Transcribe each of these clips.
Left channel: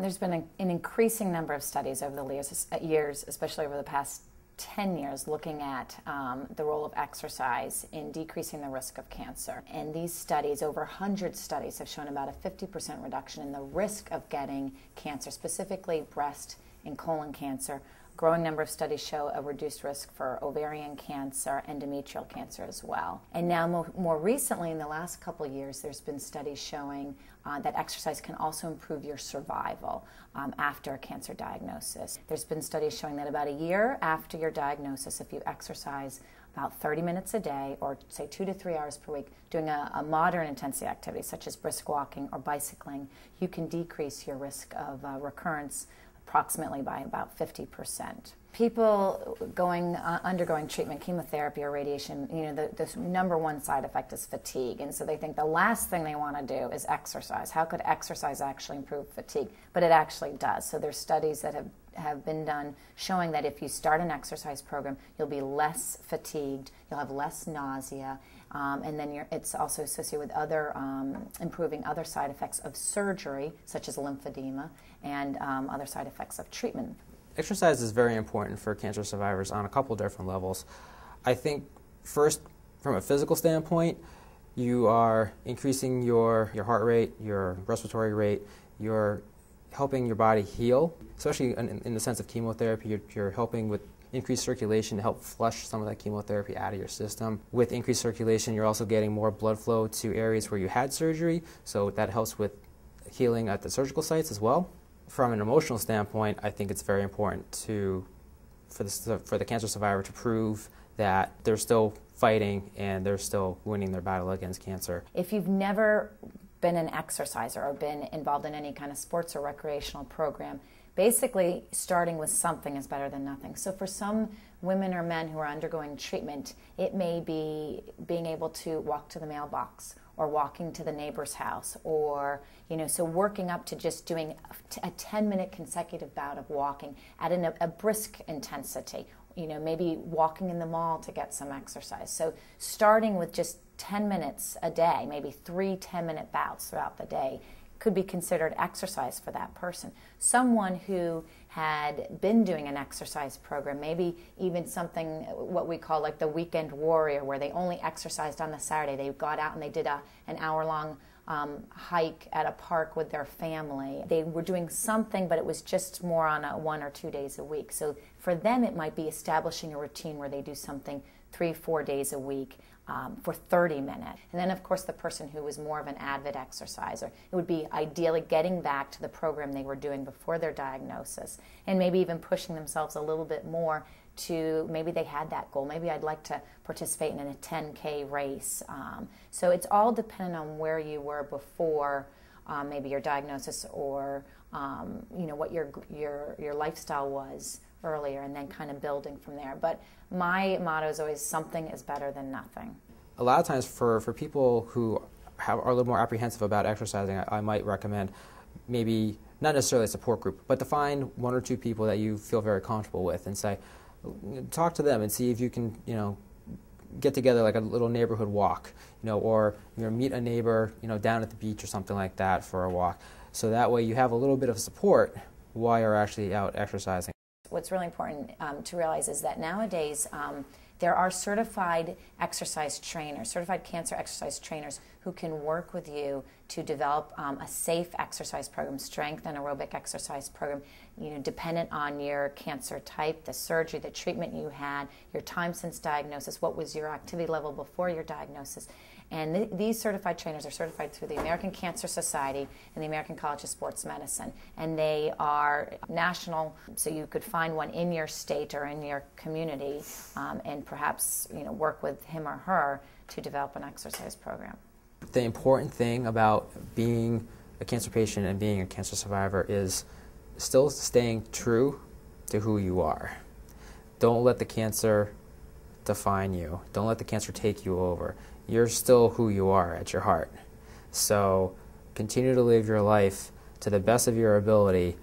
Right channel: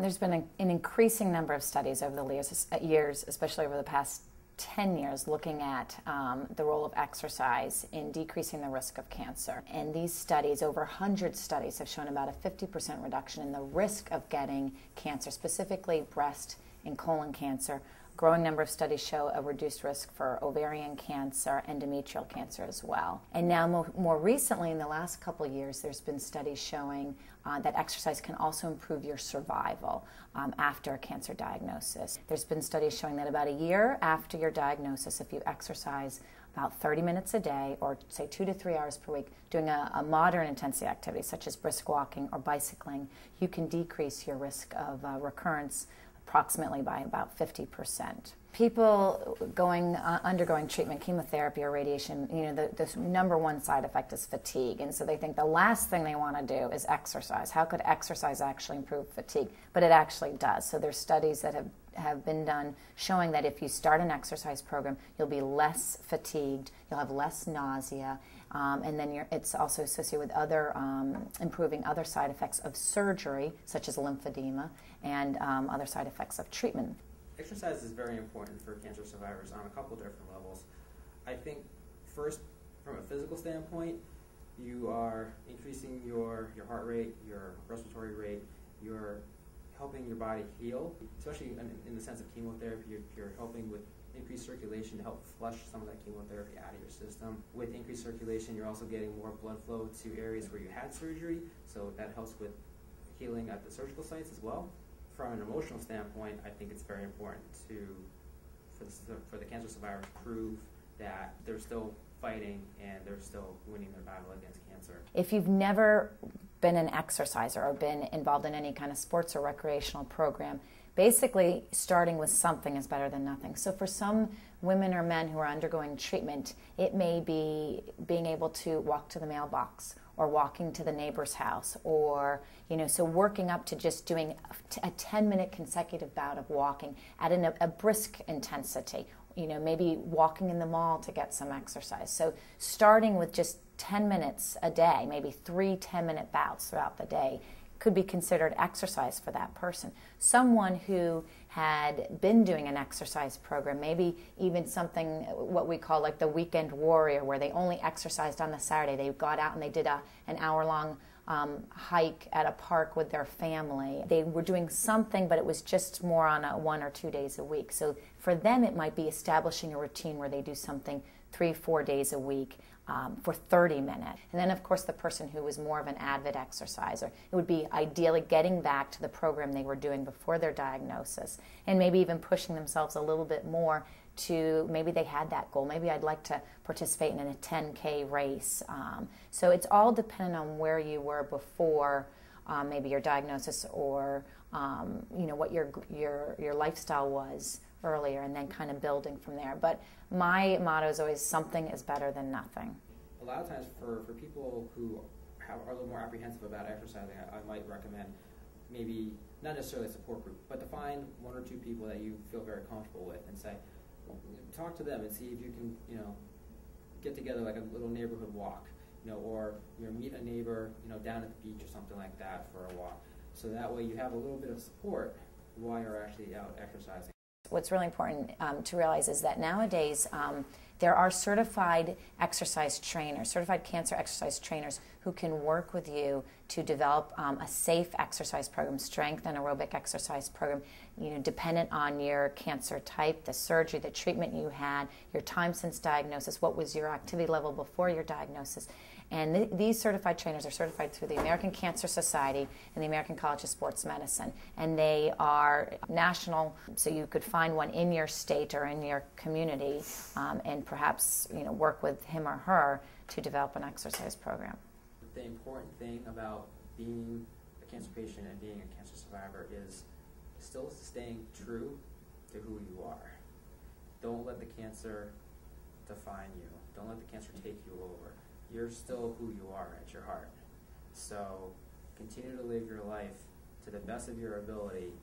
There's been an increasing number of studies over the years, especially over the past 10 years, looking at the role of exercise in decreasing the risk of cancer. And these studies, over 100 studies, have shown about a 50% reduction in the risk of getting cancer, specifically breast and colon cancer. A growing number of studies show a reduced risk for ovarian cancer, endometrial cancer as well. And now more recently, in the last couple of years, there's been studies showing that exercise can also improve your survival after a cancer diagnosis. There's been studies showing that about a year after your diagnosis, if you exercise about 30 minutes a day, or say 2 to 3 hours per week, doing a moderate intensity activity such as brisk walking or bicycling, you can decrease your risk of recurrence approximately by about 50%. People undergoing treatment, chemotherapy or radiation, the number one side effect is fatigue. And so they think the last thing they want to do is exercise. How could exercise actually improve fatigue? But it actually does. So there's studies that have been done showing that if you start an exercise program, you'll be less fatigued, you'll have less nausea, and then it's also associated with other improving other side effects of surgery, such as lymphedema, and other side effects of treatment. Exercise is very important for cancer survivors on a couple different levels. I think first, from a physical standpoint, you are increasing your heart rate, your respiratory rate, you're helping your body heal, especially in the sense of chemotherapy. You're helping with increased circulation to help flush some of that chemotherapy out of your system. With increased circulation, you're also getting more blood flow to areas where you had surgery, so that helps with healing at the surgical sites as well. From an emotional standpoint, I think it's very important for the cancer survivor to prove that they're still fighting and they're still winning their battle against cancer. If you've never been an exerciser or been involved in any kind of sports or recreational program, basically starting with something is better than nothing. So for some women or men who are undergoing treatment, it may be being able to walk to the mailbox, or walking to the neighbor's house, or, so working up to just doing a 10-minute consecutive bout of walking at a brisk intensity, maybe walking in the mall to get some exercise. So starting with just 10 minutes a day, maybe 3 10-minute bouts throughout the day, could be considered exercise for that person. Someone who had been doing an exercise program, maybe even something what we call like the weekend warrior, where they only exercised on the Saturday. They got out and they did an hour-long hike at a park with their family. They were doing something, but it was just more on 1 or 2 days a week. So for them, it might be establishing a routine where they do something 3-4 days a week for 30 minutes. And then, of course, the person who was more of an avid exerciser, it would be ideally getting back to the program they were doing before their diagnosis, and maybe even pushing themselves a little bit more to, maybe they had that goal. Maybe I'd like to participate in a 10K race. So it's all dependent on where you were before maybe your diagnosis, or what your lifestyle was earlier, and then kind of building from there. But my motto is always, something is better than nothing. A lot of times for people who are a little more apprehensive about exercising, I might recommend maybe not necessarily a support group, but to find 1 or 2 people that you feel very comfortable with and say, talk to them and see if you can, get together like a little neighborhood walk, or meet a neighbor, down at the beach or something like that for a walk. So that way you have a little bit of support while you're actually out exercising. What's really important to realize is that nowadays there are certified exercise trainers, certified cancer exercise trainers, who can work with you to develop a safe exercise program, strength and aerobic exercise program, dependent on your cancer type, the surgery, the treatment you had, your time since diagnosis, what was your activity level before your diagnosis. And these certified trainers are certified through the American Cancer Society and the American College of Sports Medicine. And they are national, so you could find one in your state or in your community, and perhaps work with him or her to develop an exercise program. The important thing about being a cancer patient and being a cancer survivor is still staying true to who you are. Don't let the cancer define you. Don't let the cancer take you over. You're still who you are at your heart. So continue to live your life to the best of your ability.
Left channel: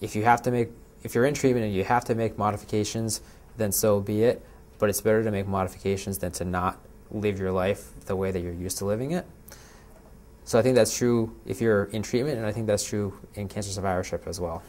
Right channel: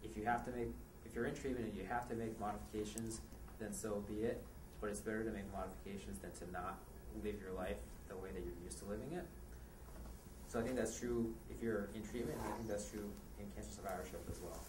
If you're in treatment and you have to make modifications, then so be it. But it's better to make modifications than to not live your life the way that you're used to living it. So I think that's true if you're in treatment, and I think that's true in cancer survivorship as well.